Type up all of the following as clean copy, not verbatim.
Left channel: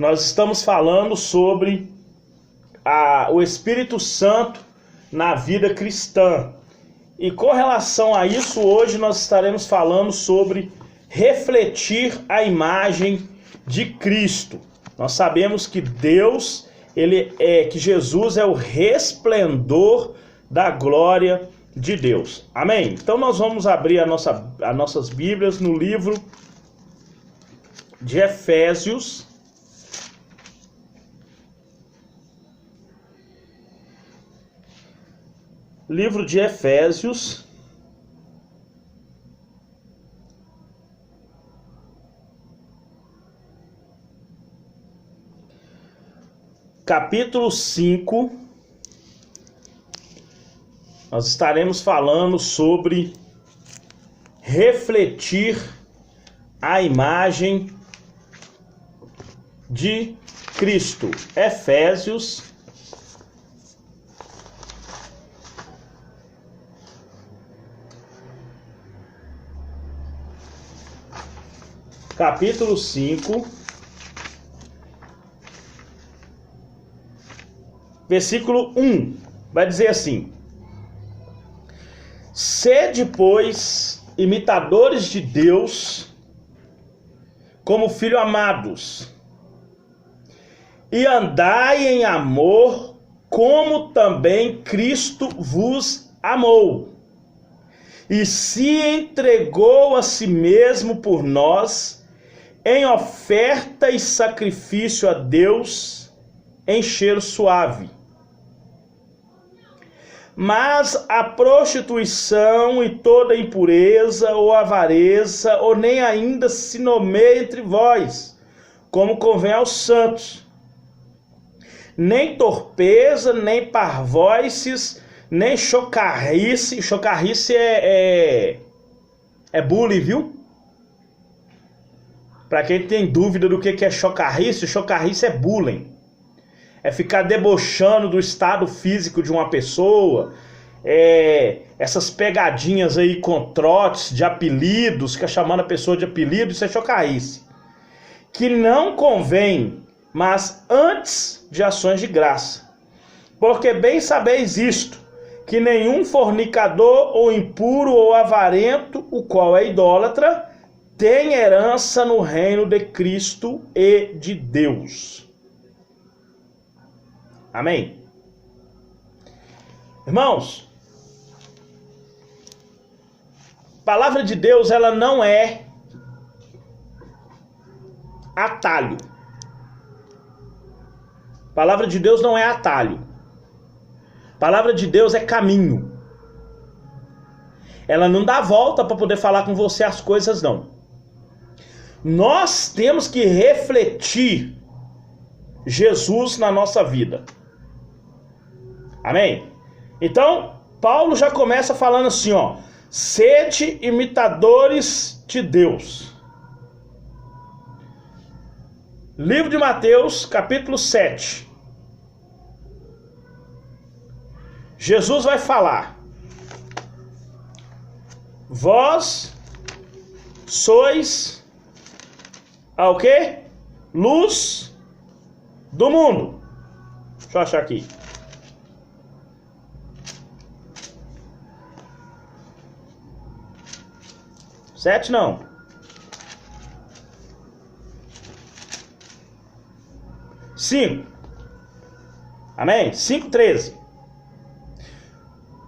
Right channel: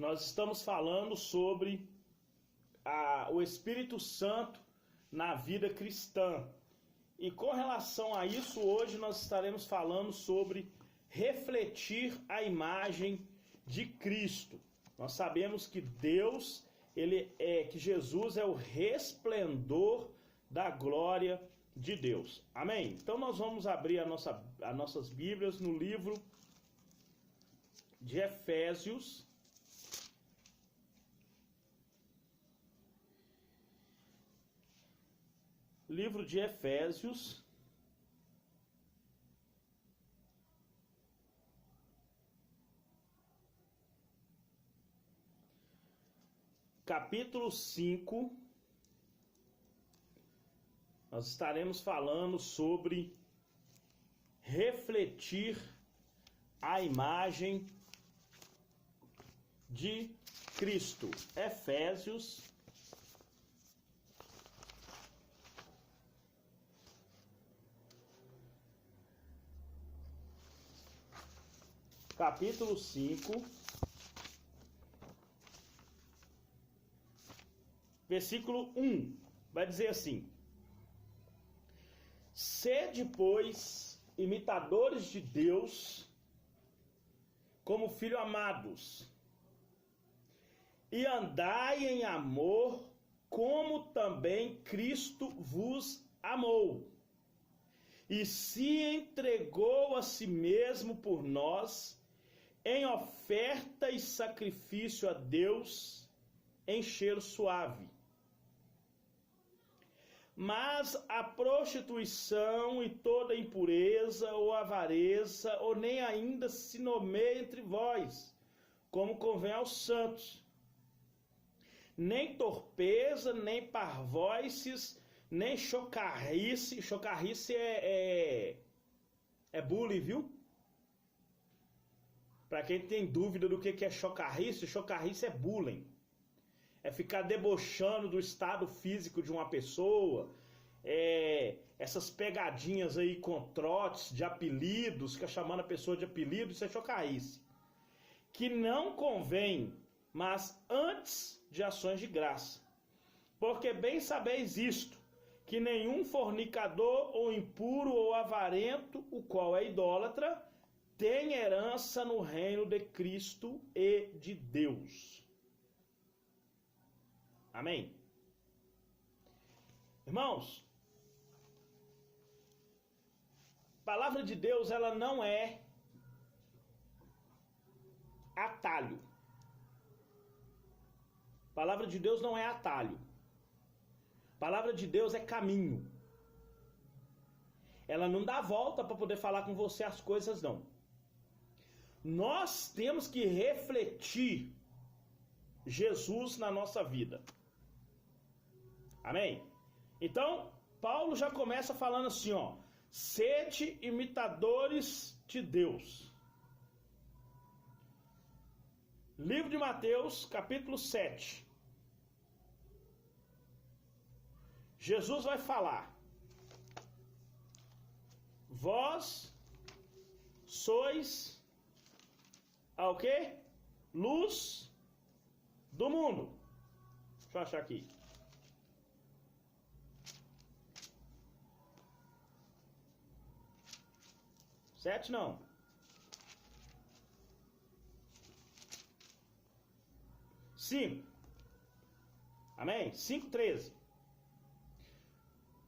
nós estamos falando sobre o Espírito Santo na vida cristã. E com relação a isso, hoje nós estaremos falando sobre refletir a imagem de Cristo. Nós sabemos que que Jesus é o resplendor da glória de Deus. Amém? Então nós vamos abrir as nossas Bíblias no livro de Efésios. Livro de Efésios. Capítulo 5. Nós estaremos falando sobre refletir a imagem de Cristo. Efésios capítulo 5, versículo 1, vai dizer assim: sede, pois, imitadores de Deus, como filhos amados, e andai em amor, como também Cristo vos amou, e se entregou a si mesmo por nós, em oferta e sacrifício a Deus, em cheiro suave. Mas a prostituição e toda impureza ou avareza, ou nem ainda se nomeia entre vós, como convém aos santos. Nem torpeza, nem parvoices, nem chocarrice. Chocarrice é bullying, viu? Para quem tem dúvida do que é chocarrice, chocarrice é bullying. É ficar debochando do estado físico de uma pessoa. Essas pegadinhas aí com trotes de apelidos, fica chamando a pessoa de apelido, isso é chocarrice. Que não convém, mas antes de ações de graça. Porque bem sabeis isto, que nenhum fornicador ou impuro ou avarento, o qual é idólatra, tem herança no reino de Cristo e de Deus. Amém? Irmãos, a palavra de Deus, ela não é atalho. A palavra de Deus não é atalho. A palavra de Deus é caminho. Ela não dá volta para poder falar com você as coisas, não. Nós temos que refletir Jesus na nossa vida. Amém? Então, Paulo já começa falando assim, ó: sede imitadores de Deus. Livro de Mateus, capítulo 7. Jesus vai falar: vós sois o quê? Luz do mundo. Deixa eu achar aqui. Sete não. 5. Amém? 5:13.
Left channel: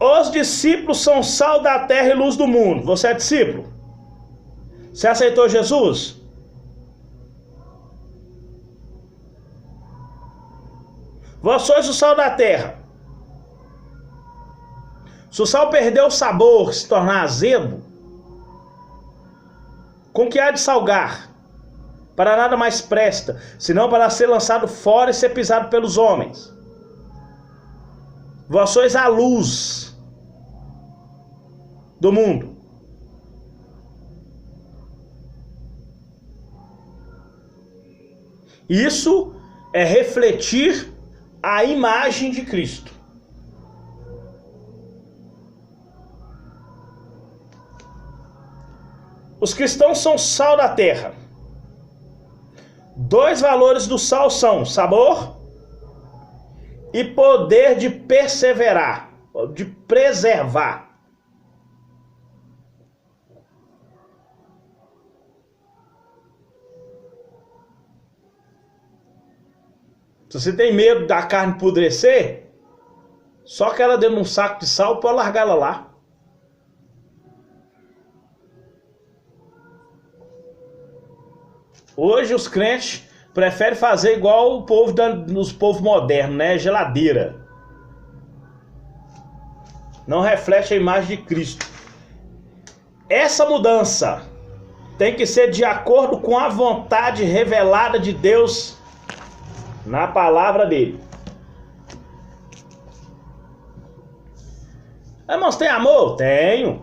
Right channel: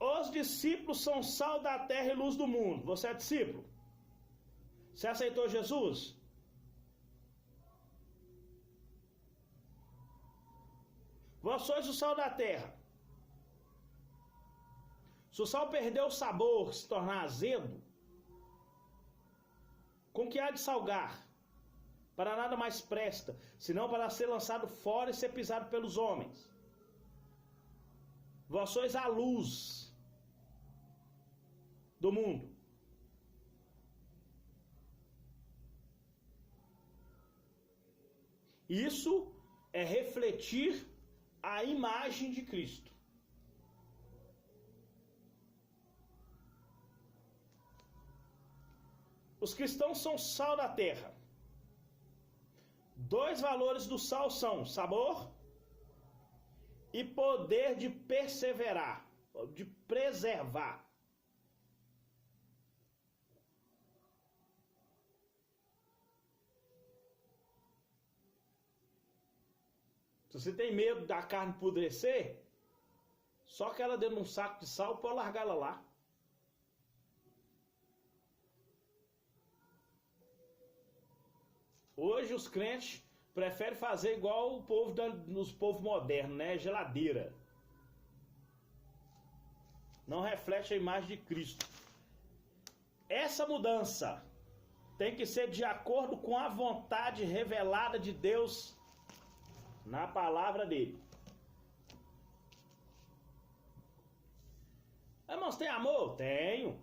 Os discípulos são sal da terra e luz do mundo. Você é discípulo? Você aceitou Jesus? Vós sois o sal da terra. Se o sal perder o sabor, se tornar azedo, com que há de salgar? Para nada mais presta, senão para ser lançado fora e ser pisado pelos homens. Vós sois a luz do mundo. Isso é refletir a imagem de Cristo. Os cristãos são sal da terra. Dois valores do sal são sabor e poder de perseverar, de preservar. Se você tem medo da carne apodrecer, só que ela dentro de um saco de sal pode largar ela lá. Hoje os crentes preferem fazer igual o povo nos povos modernos, né? Geladeira. Não reflete a imagem de Cristo. Essa mudança tem que ser de acordo com a vontade revelada de Deus na palavra dele. Irmãos, tem amor? Tenho.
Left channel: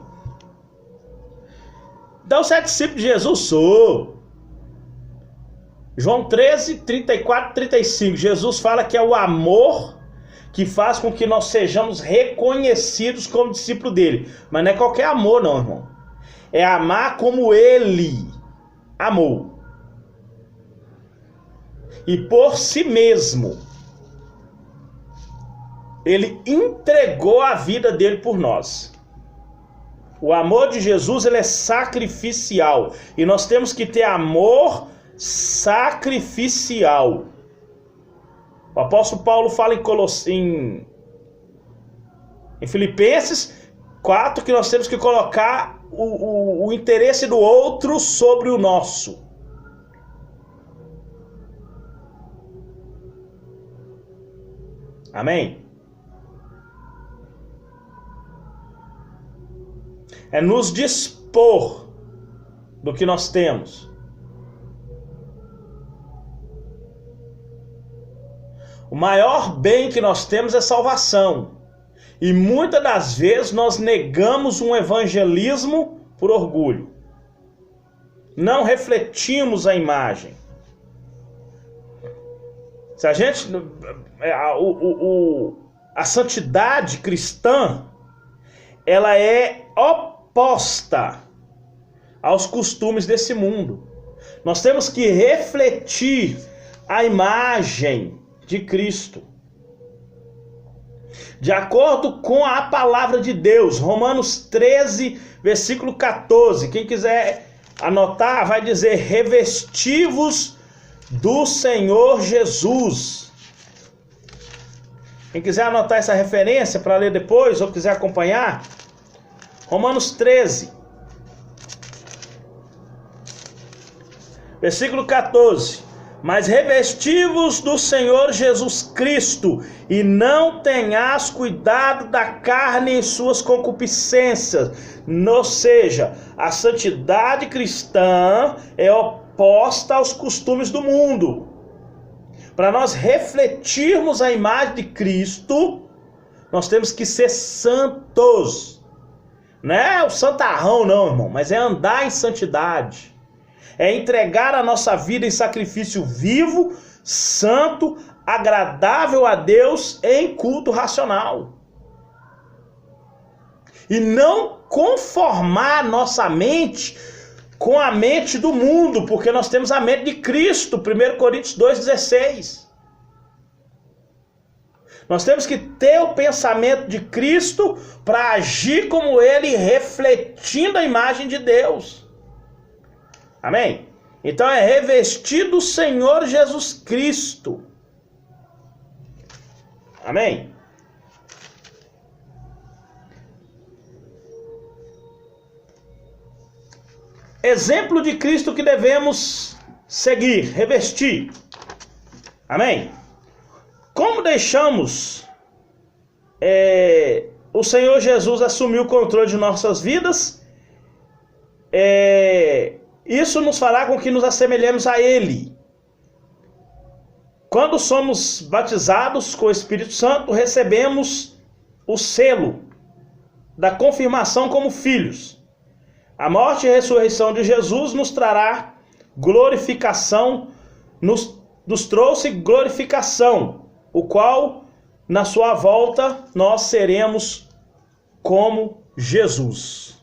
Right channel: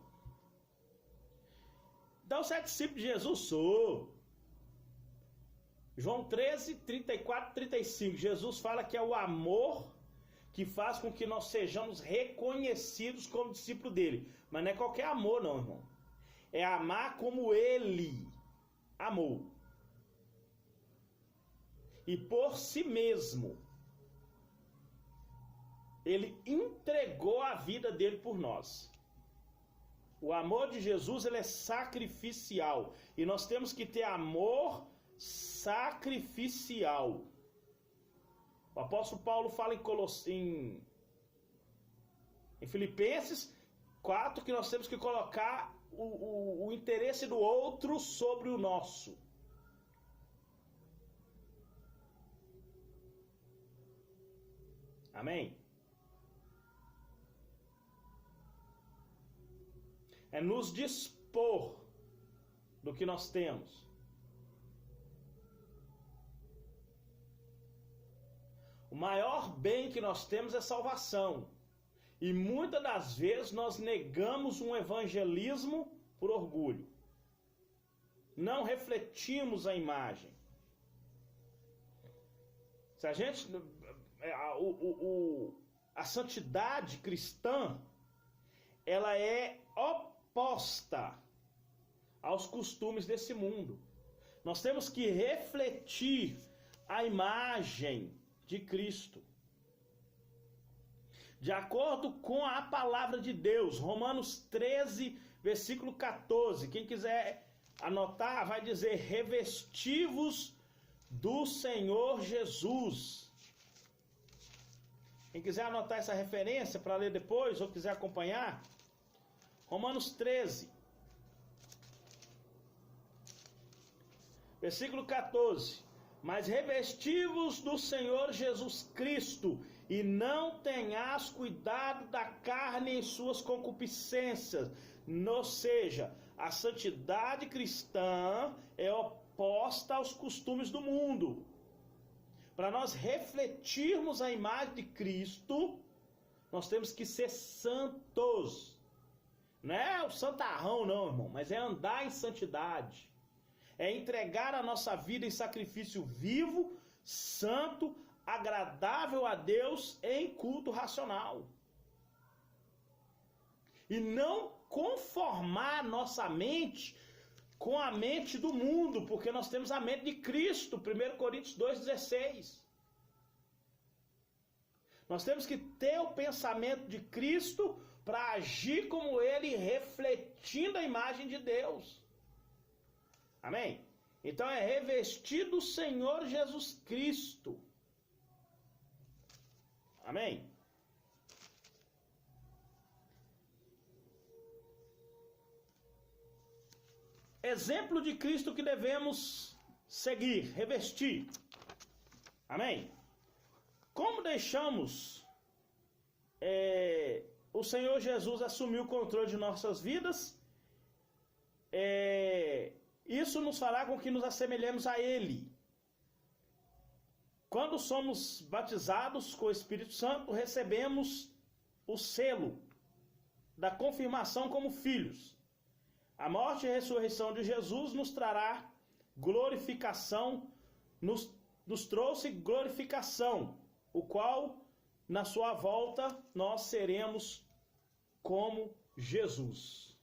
Então, você é discípulo de Jesus? Sou. João 13, 34, 35. Jesus fala que é o amor que faz com que nós sejamos reconhecidos como discípulo dele. Mas não é qualquer amor, não, irmão. É amar como ele amou. E por si mesmo, ele entregou a vida dele por nós. O amor de Jesus, ele é sacrificial. E nós temos que ter amor sacrificial. O apóstolo Paulo fala em Filipenses 4 que nós temos que colocar o interesse do outro sobre o nosso. Amém? É nos dispor do que nós temos. O maior bem que nós temos é salvação. E muitas das vezes nós negamos um evangelismo por orgulho. Não refletimos a imagem. Se a gente... A santidade cristã, ela é oposta aos costumes desse mundo. Nós temos que refletir a imagem de Cristo. De acordo com a palavra de Deus, Romanos 13, versículo 14. Quem quiser anotar, vai dizer: revesti-vos do Senhor Jesus. Quem quiser anotar essa referência para ler depois, ou quiser acompanhar, Romanos 13, versículo 14. Mas revesti-vos do Senhor Jesus Cristo, e não tenhas cuidado da carne em suas concupiscências. Ou seja, a santidade cristã é oposta aos costumes do mundo. Para nós refletirmos a imagem de Cristo, nós temos que ser santos. Não é o santarrão não, irmão, mas é andar em santidade. É entregar a nossa vida em sacrifício vivo, santo, agradável a Deus em culto racional. E não conformar nossa mente com a mente do mundo, porque nós temos a mente de Cristo, 1 Coríntios 2,16. Nós temos que ter o pensamento de Cristo para agir como Ele, refletindo a imagem de Deus. Amém? Então é revestir do Senhor Jesus Cristo. Amém? Exemplo de Cristo que devemos seguir, revestir. Amém? Como deixamos o Senhor Jesus assumir o controle de nossas vidas, isso nos fará com que nos assemelhemos a Ele. Quando somos batizados com o Espírito Santo, recebemos o selo da confirmação como filhos. A morte e a ressurreição de Jesus nos trará glorificação, nos trouxe glorificação, o qual, na sua volta, nós seremos como Jesus.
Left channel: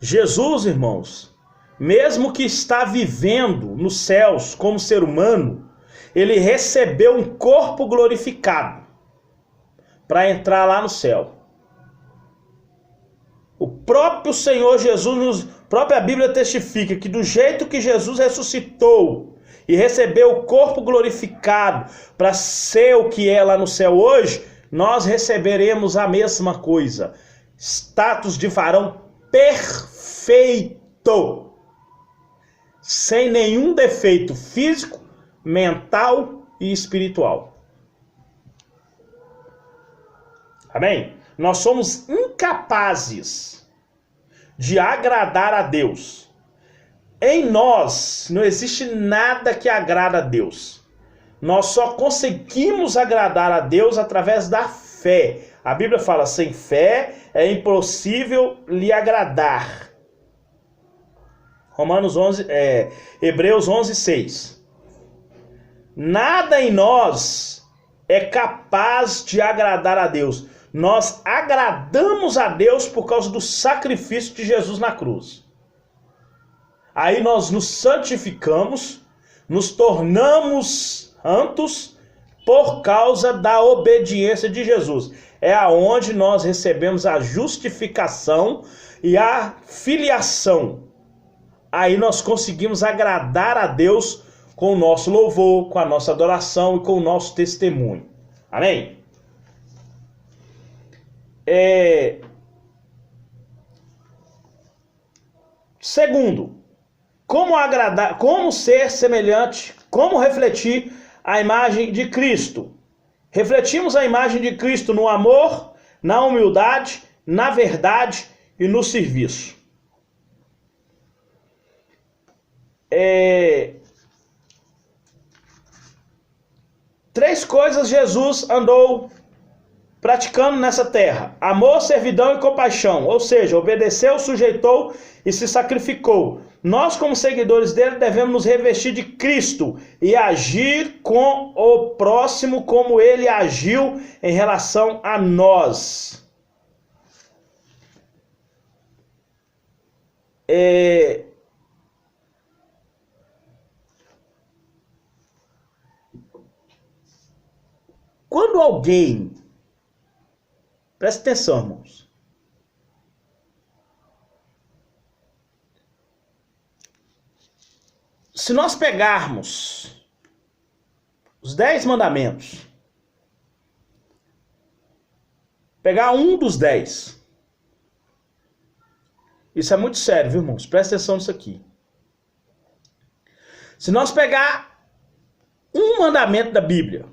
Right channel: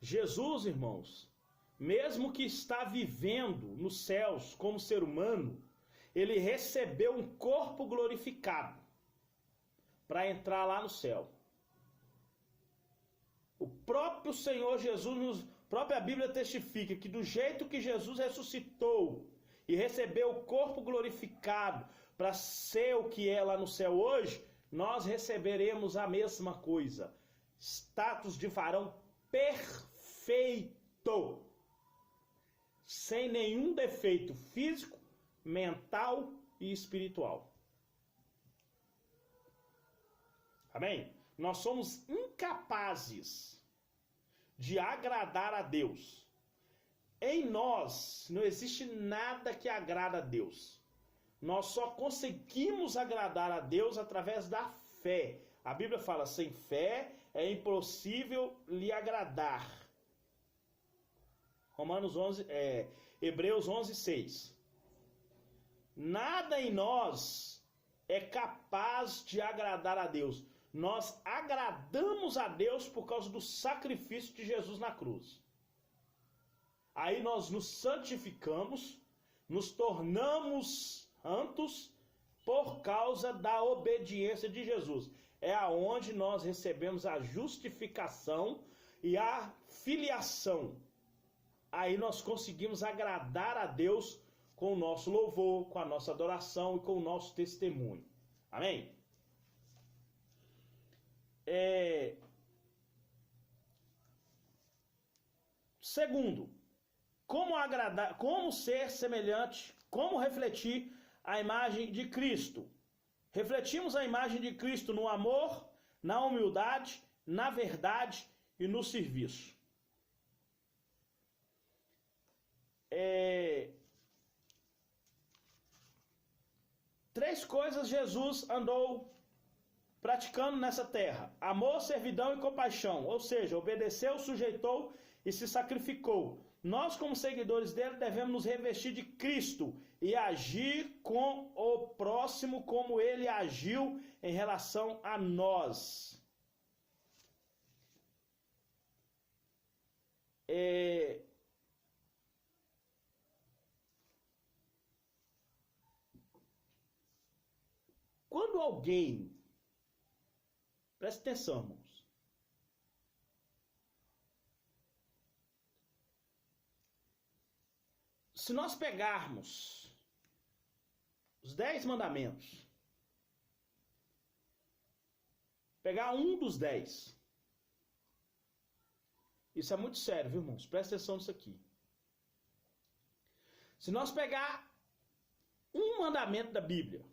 Jesus, irmãos, mesmo que está vivendo nos céus como ser humano, ele recebeu um corpo glorificado para entrar lá no céu. O próprio Senhor Jesus, a própria Bíblia testifica que do jeito que Jesus ressuscitou e recebeu o corpo glorificado para ser o que é lá no céu hoje, nós receberemos a mesma coisa. Status de varão perfeito, sem nenhum defeito físico, mental e espiritual. Amém? Nós somos incapazes de agradar a Deus. Em nós não existe nada que agrada a Deus. Nós só conseguimos agradar a Deus através da fé. A Bíblia fala, sem fé é impossível lhe agradar. Hebreus 11:6. Nada em nós é capaz de agradar a Deus. Nós agradamos a Deus por causa do sacrifício de Jesus na cruz. Aí nós nos santificamos, nos tornamos santos por causa da obediência de Jesus. É aonde nós recebemos a justificação e a filiação. Aí nós conseguimos agradar a Deus com o nosso louvor, com a nossa adoração e com o nosso testemunho. Amém? Segundo, como ser semelhante, como refletir a imagem de Cristo. Refletimos a imagem de Cristo no amor, na humildade, na verdade e no serviço. Três coisas Jesus andou praticando nessa terra: amor, servidão e compaixão, ou seja, obedeceu, sujeitou e se sacrificou. Nós, como seguidores dele, devemos nos revestir de Cristo e agir com o próximo como ele agiu em relação a nós. Quando alguém, presta atenção, irmãos, se nós pegarmos os 10 mandamentos, pegar um dos 10, isso é muito sério, viu, irmãos? Presta atenção nisso aqui. Se nós pegar um mandamento da Bíblia,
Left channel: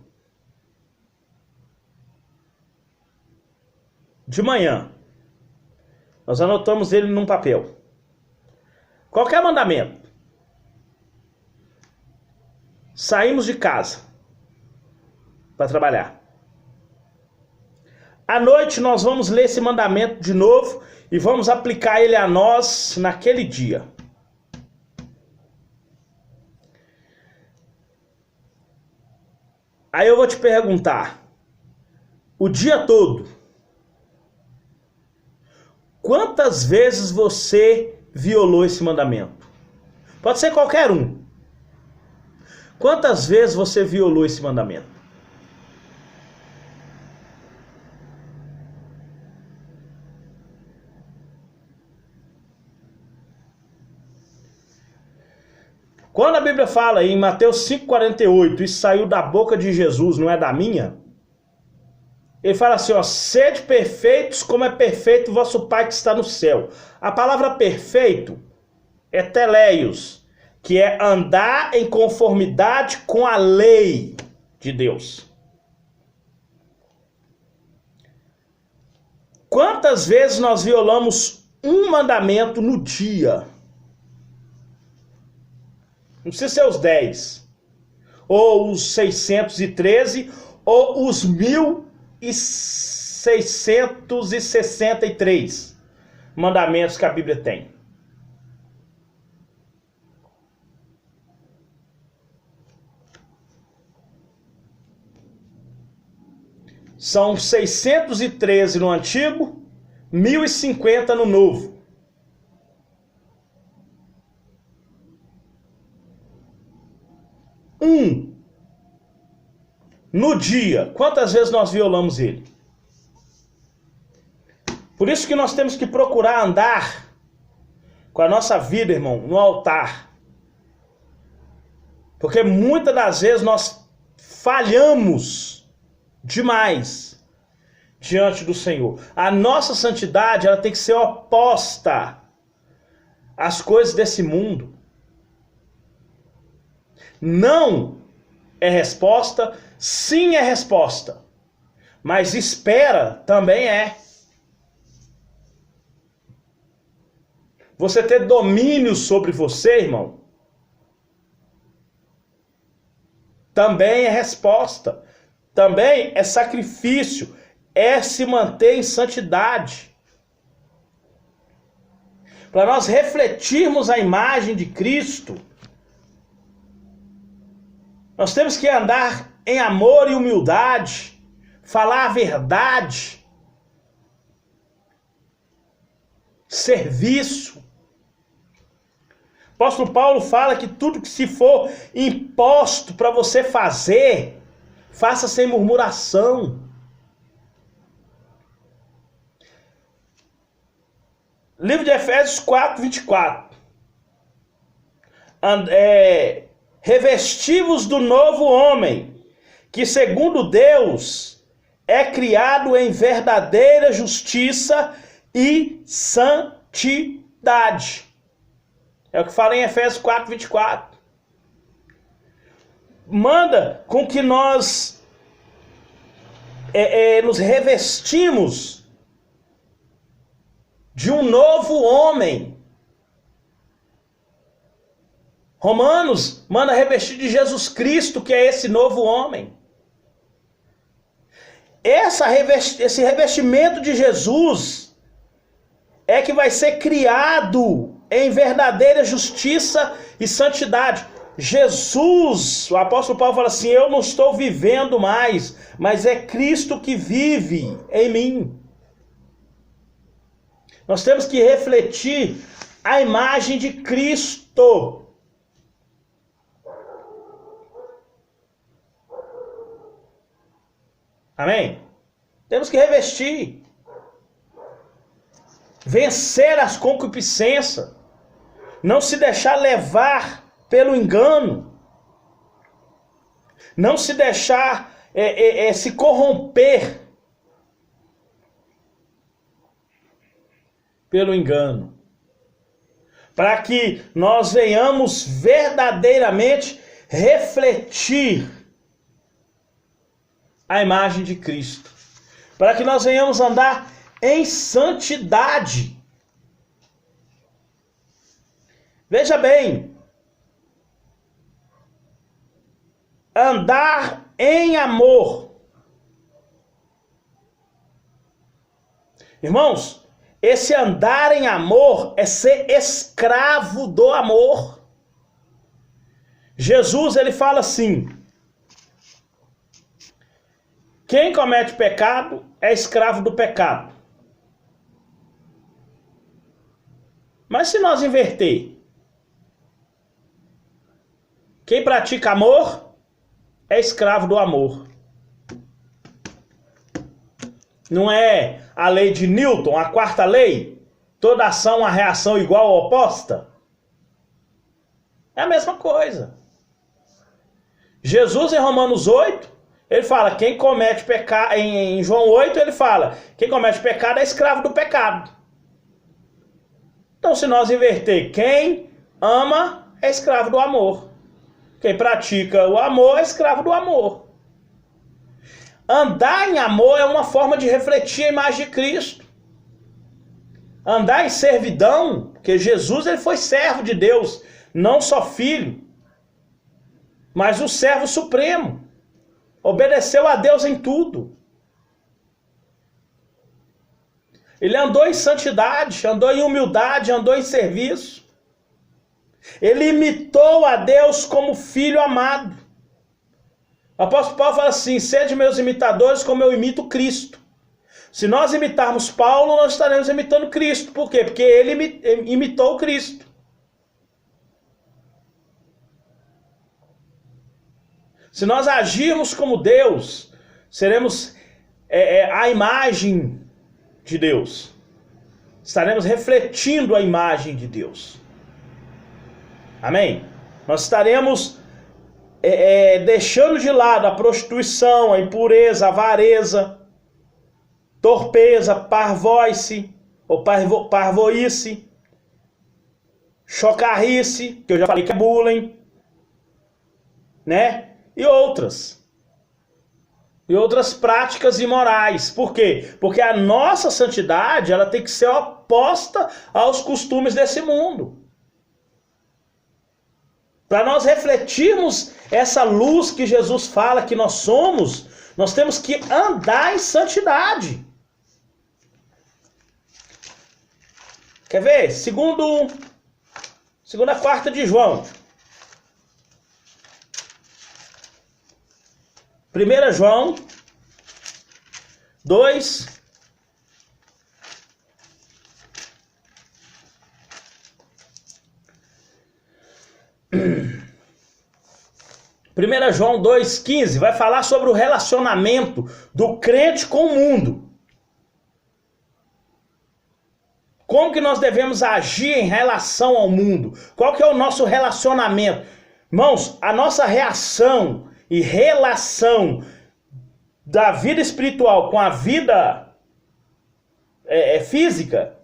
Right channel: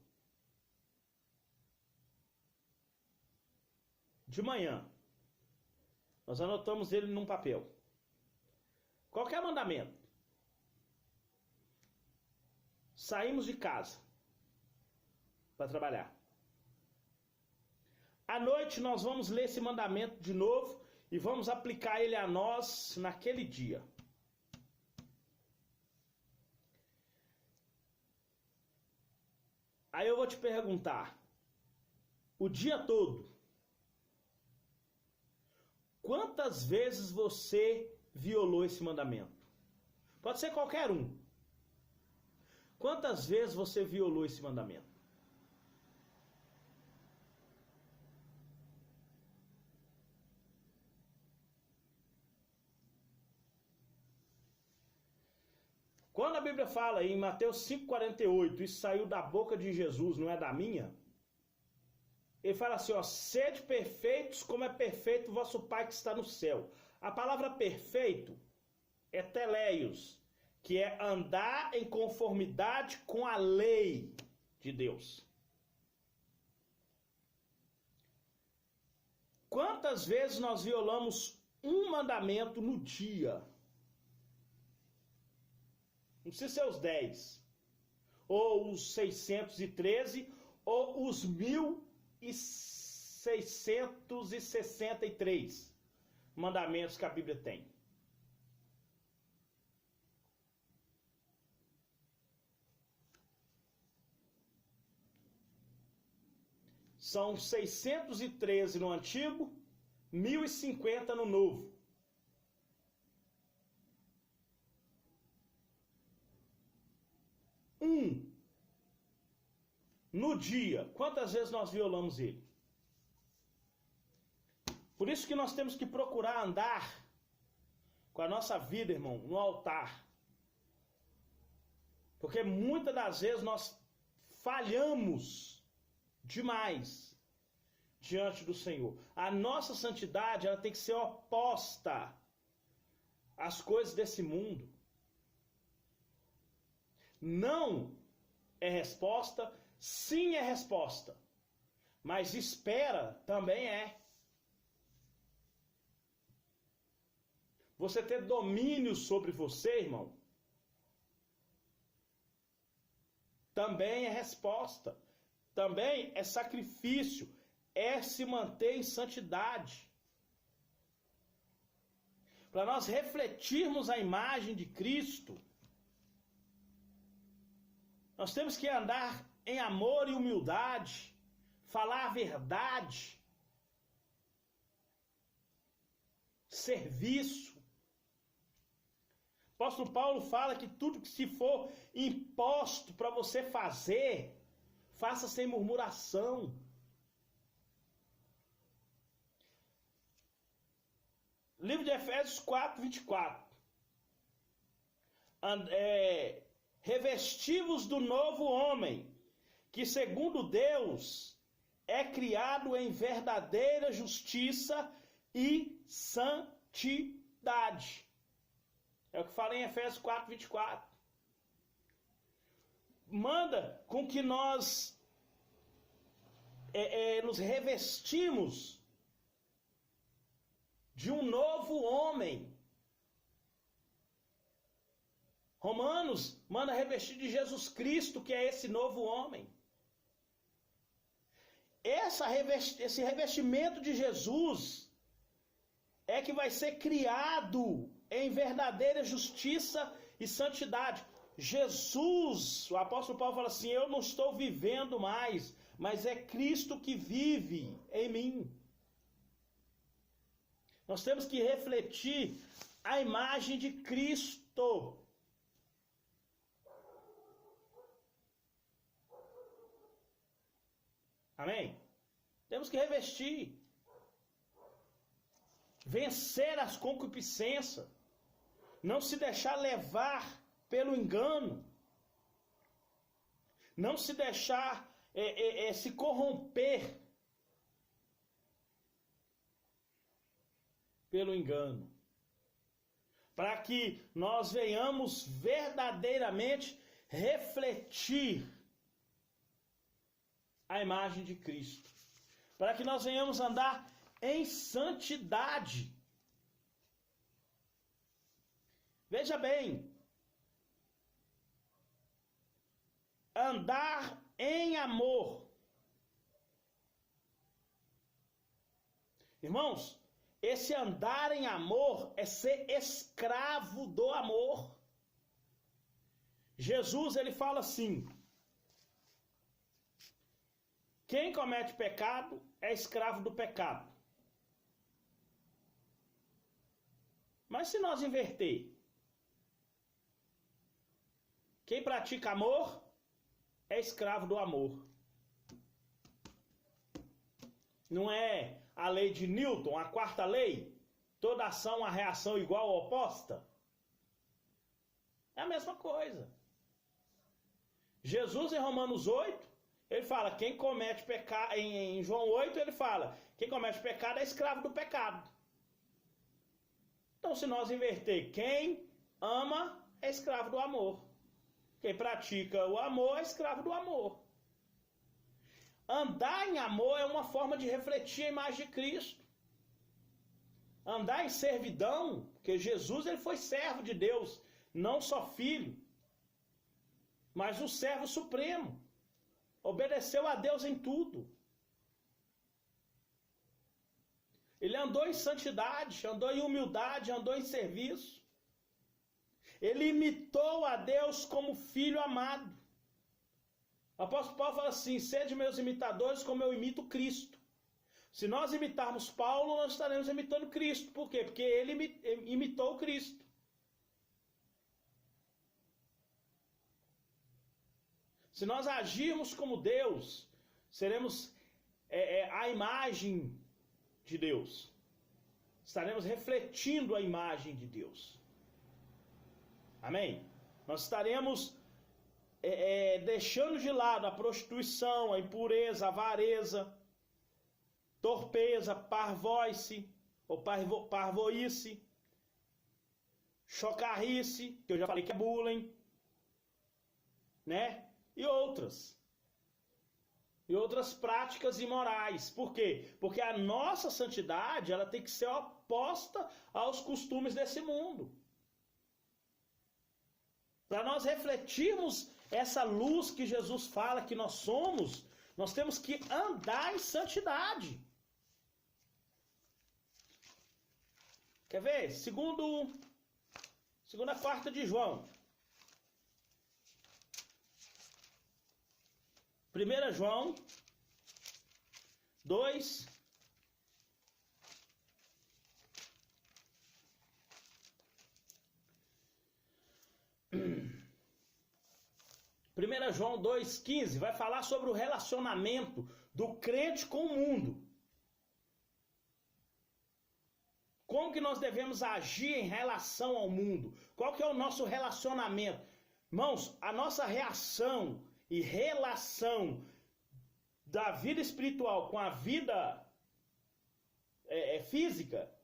de manhã, nós anotamos ele num papel. Qualquer mandamento. Saímos de casa para trabalhar. À noite nós vamos ler esse mandamento de novo e vamos aplicar ele a nós naquele dia. Aí eu vou te perguntar, o dia todo, quantas vezes você violou esse mandamento? Pode ser qualquer um. Quantas vezes você violou esse mandamento? Quando a Bíblia fala em Mateus 5,48, isso saiu da boca de Jesus, não é da minha? Ele fala assim, ó, sede perfeitos como é perfeito o vosso Pai que está no céu. A palavra perfeito é teleios, que é andar em conformidade com a lei de Deus. Quantas vezes nós violamos um mandamento no dia? Não precisa ser os 10, ou os 613, ou os 1663 mandamentos que a Bíblia tem. São 613 no Antigo, 1050 no Novo. um no dia, quantas vezes nós violamos ele? Por isso que nós temos que procurar andar com a nossa vida, irmão, no altar. Porque muitas das vezes nós falhamos demais diante do Senhor. A nossa santidade, ela tem que ser oposta às coisas desse mundo. Não é resposta, sim é resposta. Mas espera também é. Você ter domínio sobre você, irmão, também é resposta. Também é sacrifício. É se manter em santidade. Para nós refletirmos a imagem de Cristo, nós temos que andar em amor e humildade, falar a verdade, serviço. O apóstolo Paulo fala que tudo que se for imposto para você fazer, faça sem murmuração. Livro de Efésios 4, 24. Revesti-vos do novo homem, que segundo Deus é criado em verdadeira justiça e santidade. É o que fala em Efésios 4, 24. Manda com que nós nos revestimos de um novo homem. Romanos manda revestir de Jesus Cristo, que é esse novo homem. Esse revestimento de Jesus é que vai ser criado em verdadeira justiça e santidade. Jesus, o apóstolo Paulo fala assim, eu não estou vivendo mais, mas é Cristo que vive em mim. Nós temos que refletir a imagem de Cristo. Amém? Temos que revestir. Vencer as concupiscências. Não se deixar levar pelo engano. Não se deixar se corromper pelo engano. Para que nós venhamos verdadeiramente refletir a imagem de Cristo. Para que nós venhamos andar em santidade. Veja bem, andar em amor. Irmãos, esse andar em amor é ser escravo do amor. Jesus, ele fala assim: quem comete pecado é escravo do pecado. Mas se nós inverter, quem pratica amor é escravo do amor. Não é a lei de Newton, a quarta lei? Toda ação, uma reação igual ou oposta? É a mesma coisa. Jesus, em Romanos 8, ele fala, quem comete pecado, em João 8, ele fala, quem comete pecado é escravo do pecado. Então, se nós inverter, quem ama é escravo do amor. Quem pratica o amor é escravo do amor. Andar em amor é uma forma de refletir a imagem de Cristo. Andar em servidão, porque Jesus, ele foi servo de Deus, não só filho, mas o servo supremo. Obedeceu a Deus em tudo. Ele andou em santidade, andou em humildade, andou em serviço. Ele imitou a Deus como filho amado. O apóstolo Paulo fala assim, sede meus imitadores como eu imito Cristo. Se nós imitarmos Paulo, nós estaremos imitando Cristo. Por quê? Porque ele imitou Cristo. Se nós agirmos como Deus, seremos a imagem de Deus. Estaremos refletindo a imagem de Deus. Amém? Nós estaremos deixando de lado a prostituição, a impureza, a avareza, torpeza, parvoice ou parvoíce, chocarrice, que eu já falei que é bullying, né? E outras práticas imorais. Por quê? Porque a nossa santidade, ela tem que ser oposta aos costumes desse mundo. Para nós refletirmos essa luz que Jesus fala que nós somos, nós temos que andar em santidade. Quer ver? Segunda carta de João. 1 João 2, 1 João 2,15 vai falar sobre o relacionamento do crente com o mundo. Como que nós devemos agir em relação ao mundo? Qual que é o nosso relacionamento? Irmãos, a nossa reação e relação da vida espiritual com a vida física,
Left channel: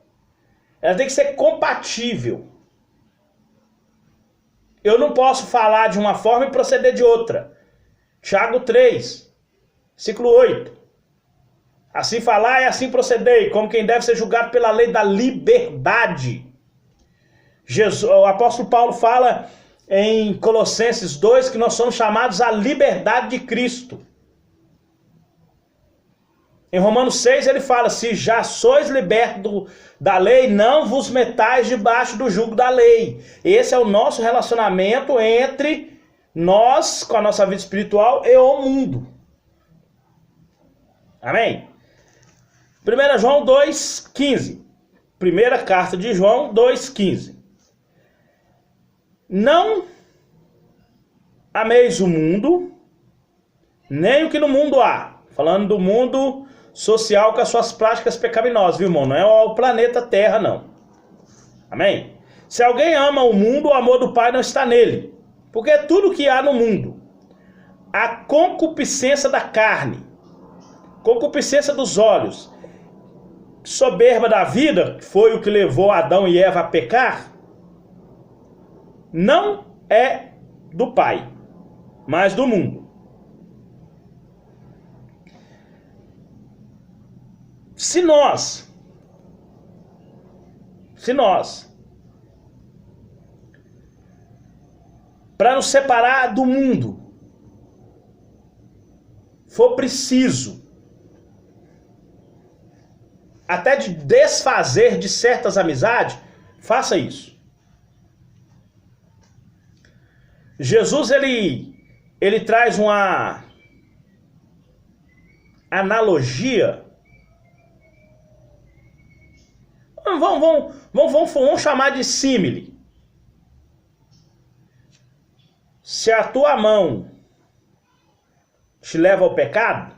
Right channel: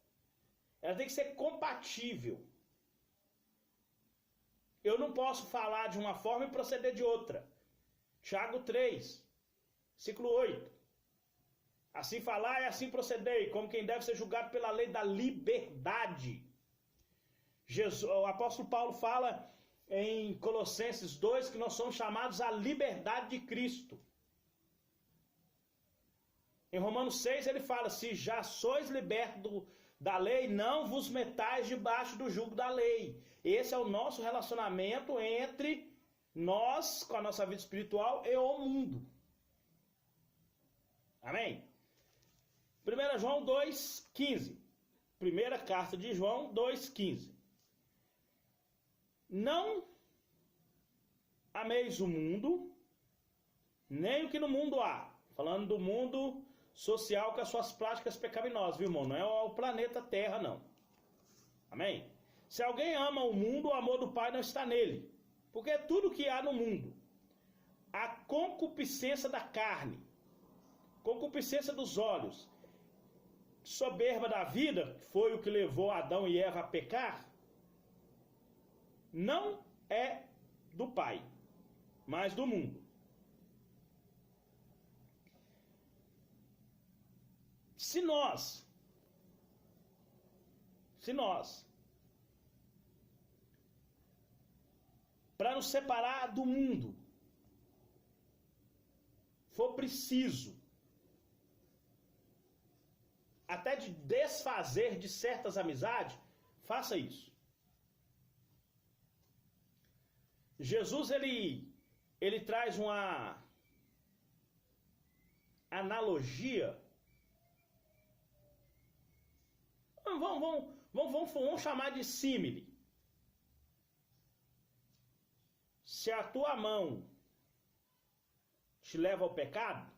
ela tem que ser compatível. Eu não posso falar de uma forma e proceder de outra. Tiago 3, versículo 8. Assim falar e assim proceder, como quem deve ser julgado pela lei da liberdade. O apóstolo Paulo fala em Colossenses 2 que nós somos chamados à liberdade de Cristo. Em Romanos 6 ele fala: se já sois libertos da lei, não vos metais debaixo do jugo da lei. Esse é o nosso relacionamento entre nós, com a nossa vida espiritual, e o mundo. Amém? 1 João 2,15. Primeira carta de João 2,15. Não ameis o mundo, nem o que no mundo há. Falando do mundo social com as suas práticas pecaminosas, viu, irmão? Não é o planeta Terra, não. Amém? Se alguém ama o mundo, o amor do Pai não está nele. Porque tudo que há no mundo, a concupiscência da carne, concupiscência dos olhos, soberba da vida, que foi o que levou Adão e Eva a pecar, não é do Pai, mas do mundo. Se nós, para nos separar do mundo, for preciso até de desfazer de certas amizades, faça isso. Jesus, ele traz uma analogia. Vamos chamar de símile. Se a tua mão te leva ao pecado,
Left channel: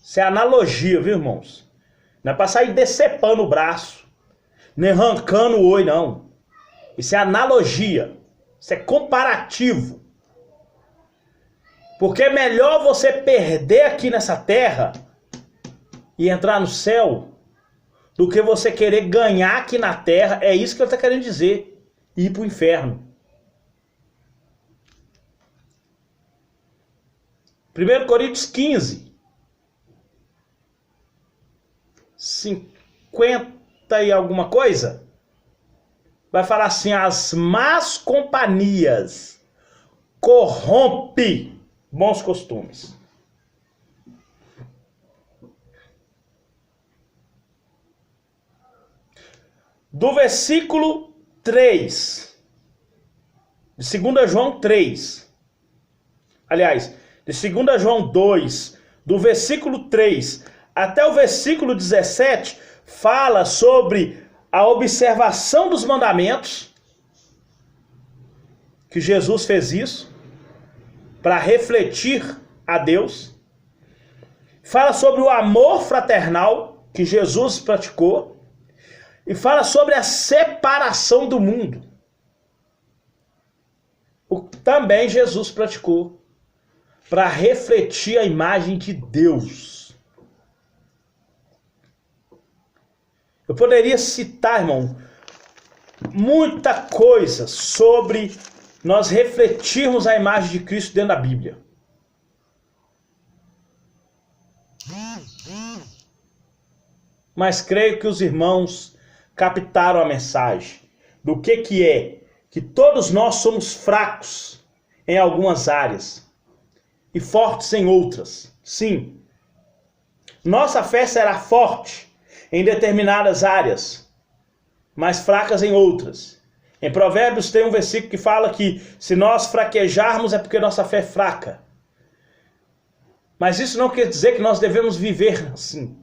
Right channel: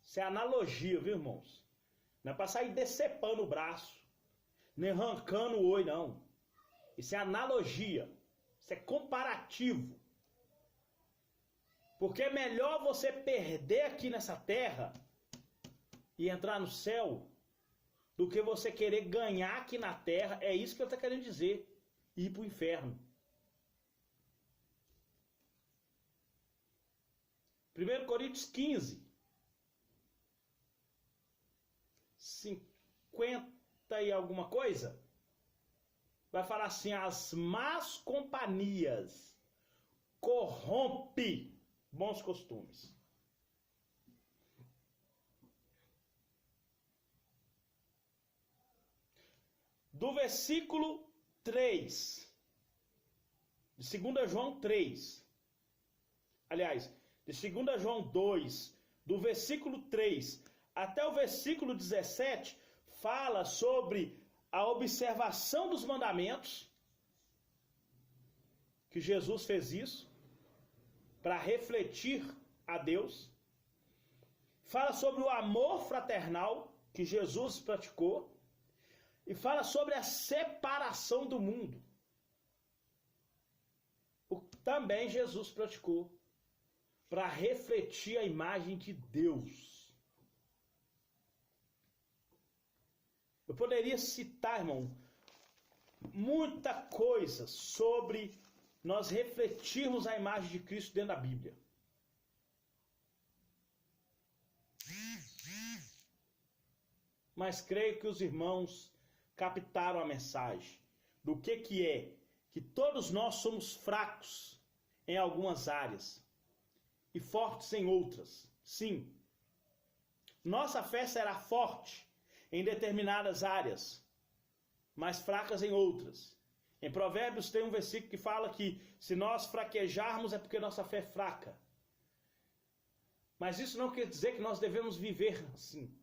isso é analogia, viu, irmãos? Não é para sair decepando o braço, nem arrancando o olho, não. Isso é analogia. Isso é comparativo. Porque é melhor você perder aqui nessa terra e entrar no céu do que você querer ganhar aqui na terra. É isso que eu estou querendo dizer. Ir para o inferno. 1 Coríntios 15. 50 e alguma coisa. Vai falar assim: as más companhias corrompem bons costumes. Do versículo 3, de 2 João 3, aliás, de 2 João 2, do versículo 3 até o versículo 17, fala sobre a observação dos mandamentos, que Jesus fez isso, para refletir a Deus. Fala sobre o amor fraternal que Jesus praticou. E fala sobre a separação do mundo. O que também Jesus praticou para refletir a imagem de Deus. Eu poderia citar, irmão, muita coisa sobre nós refletirmos a imagem de Cristo dentro da Bíblia. Mas creio que os irmãos captaram a mensagem do que é que todos nós somos fracos em algumas áreas e fortes em outras. Sim, nossa fé será forte em determinadas áreas, mas fracas em outras. Em Provérbios tem um versículo que fala que se nós fraquejarmos é porque nossa fé é fraca. Mas isso não quer dizer que nós devemos viver assim.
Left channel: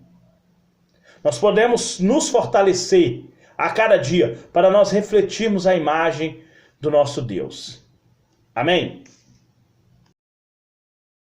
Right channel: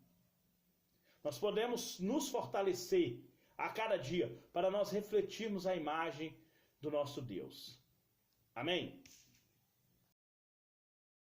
Nós podemos nos fortalecer a cada dia para nós refletirmos a imagem do nosso Deus. Amém?